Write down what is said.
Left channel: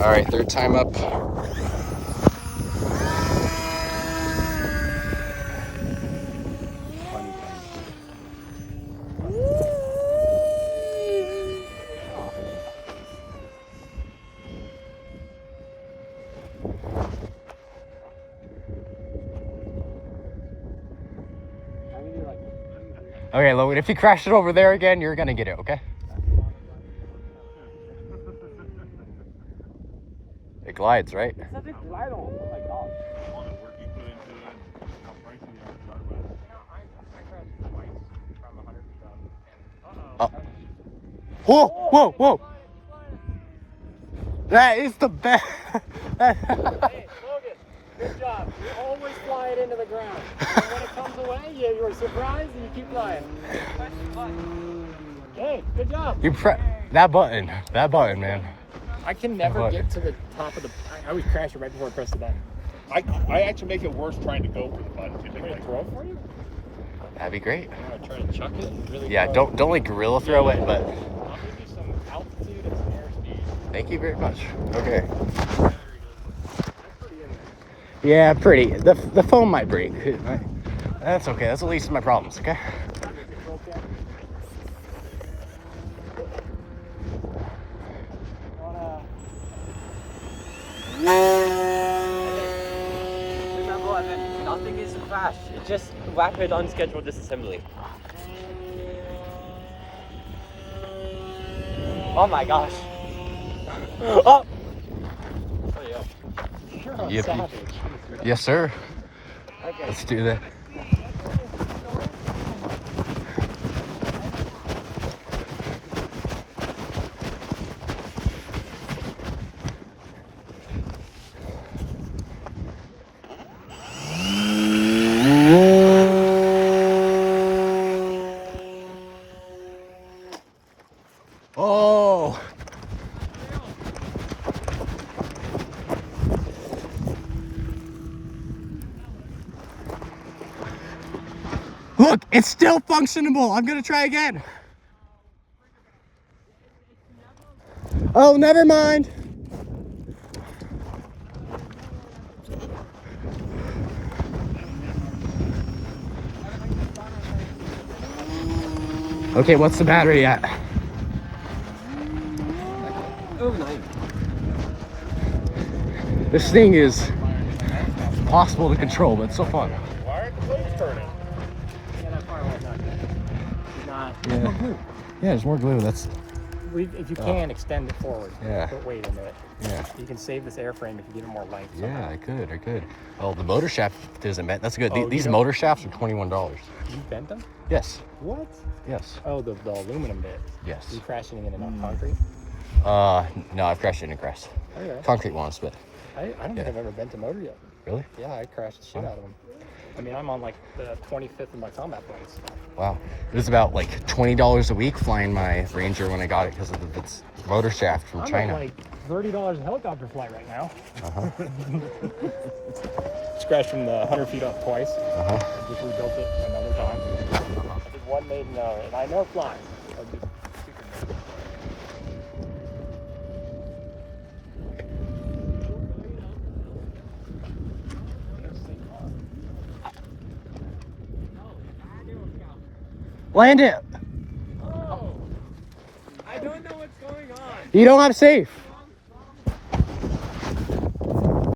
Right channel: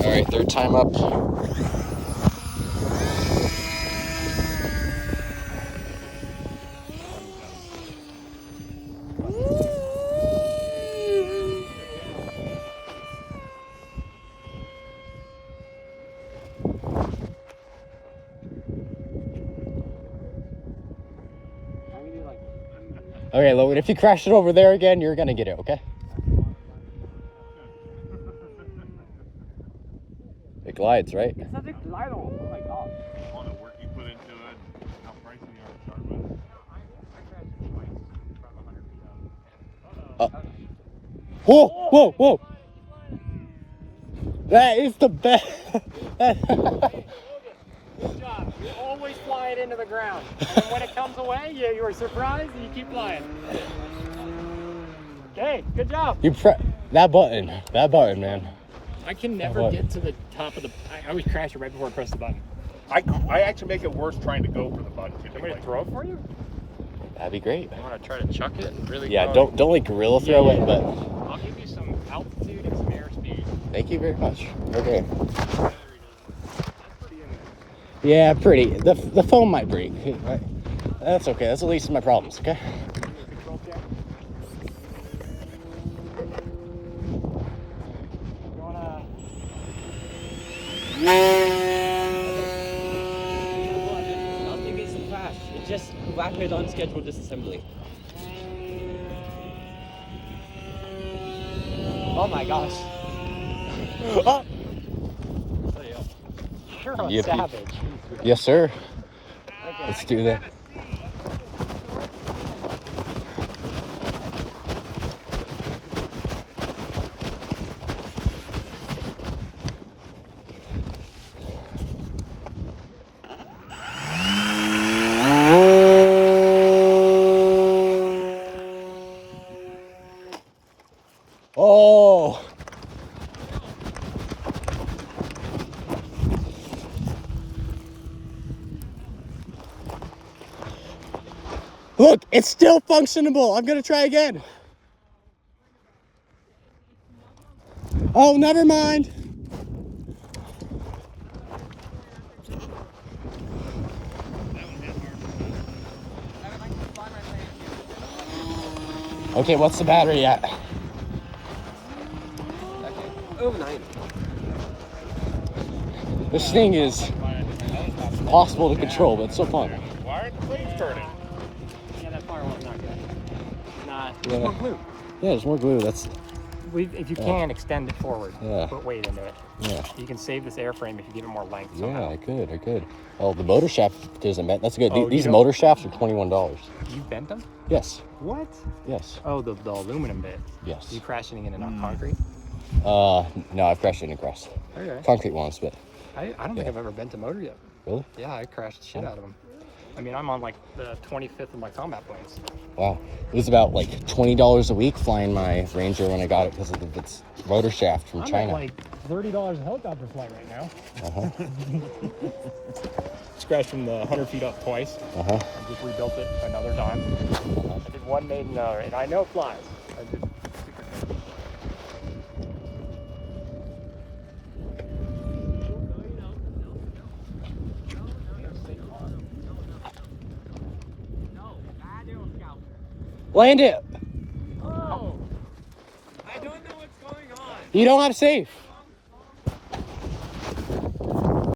All right, third time up. Okay, Logan, if you crash it over there again, you're gonna get it, okay? It glides, right? It says it glide on. Oh my gosh. All the work you put into it and how pricey you are to start with. I crashed twice from 100 feet up. Oh. Whoa, whoa, whoa! That is the best. Hey, Logan, good job. You always fly it into the ground. And when it comes away, you're surprised and you keep flying. Hey, good job. You that button, man. I can never get to the top of the. I always crash it right before I press the button. I actually make it worse trying to go for the button. I'm gonna throw it for you. That'd be great. I want to try to chuck it and really. Yeah, don't like gorilla throw it, but. I'll give you some altitude and some airspeed. Thank you very much. Okay. Yeah, pretty. The foam might break. That's okay. That's the least of my problems. Okay. Nothing is a crash. It's just rapid unscheduled disassembly. Oh my gosh. Oh! There you go. You're a Yep. savage. Yes, sir. Okay. Let's do that. Oh! Look, it's still functionable. I'm gonna try again. Oh, never mind. Okay, what's the battery at? Over 90. This thing is impossible to control, but it's so fun. Why aren't the plates turning? Yeah, that firewall's not good. It's not. Yeah. It's more glue. Yeah, there's more glue. That's If you can extend it forward, Yeah. put weight into it. yeah. You can save this airframe if you give it more length. Yeah, I could. Oh, the motor shaft isn't bent. That's good. Oh, These you motor shafts are $21. You bent them? Yes. What? Yes. Oh, the aluminum bit. Yes. You crashing it in a concrete? No, I've crashed it in grass. Okay. Concrete once, but I don't think I've ever bent a motor yet. really? Yeah, I crashed the shit out of them. I mean, I'm on like the 25th of my combat points. Wow. It was about like $20 a week flying my Ranger when I got it because of its motor shaft from I'm China. at like $30 a helicopter flight right now. Uh-huh. It's crashed from the 100 feet up twice. Uh-huh. I just rebuilt it another time. I did one maiden hour, and I know it flies. I just figured it. Land it. Oh! I don't know what's going on. You don't have safe.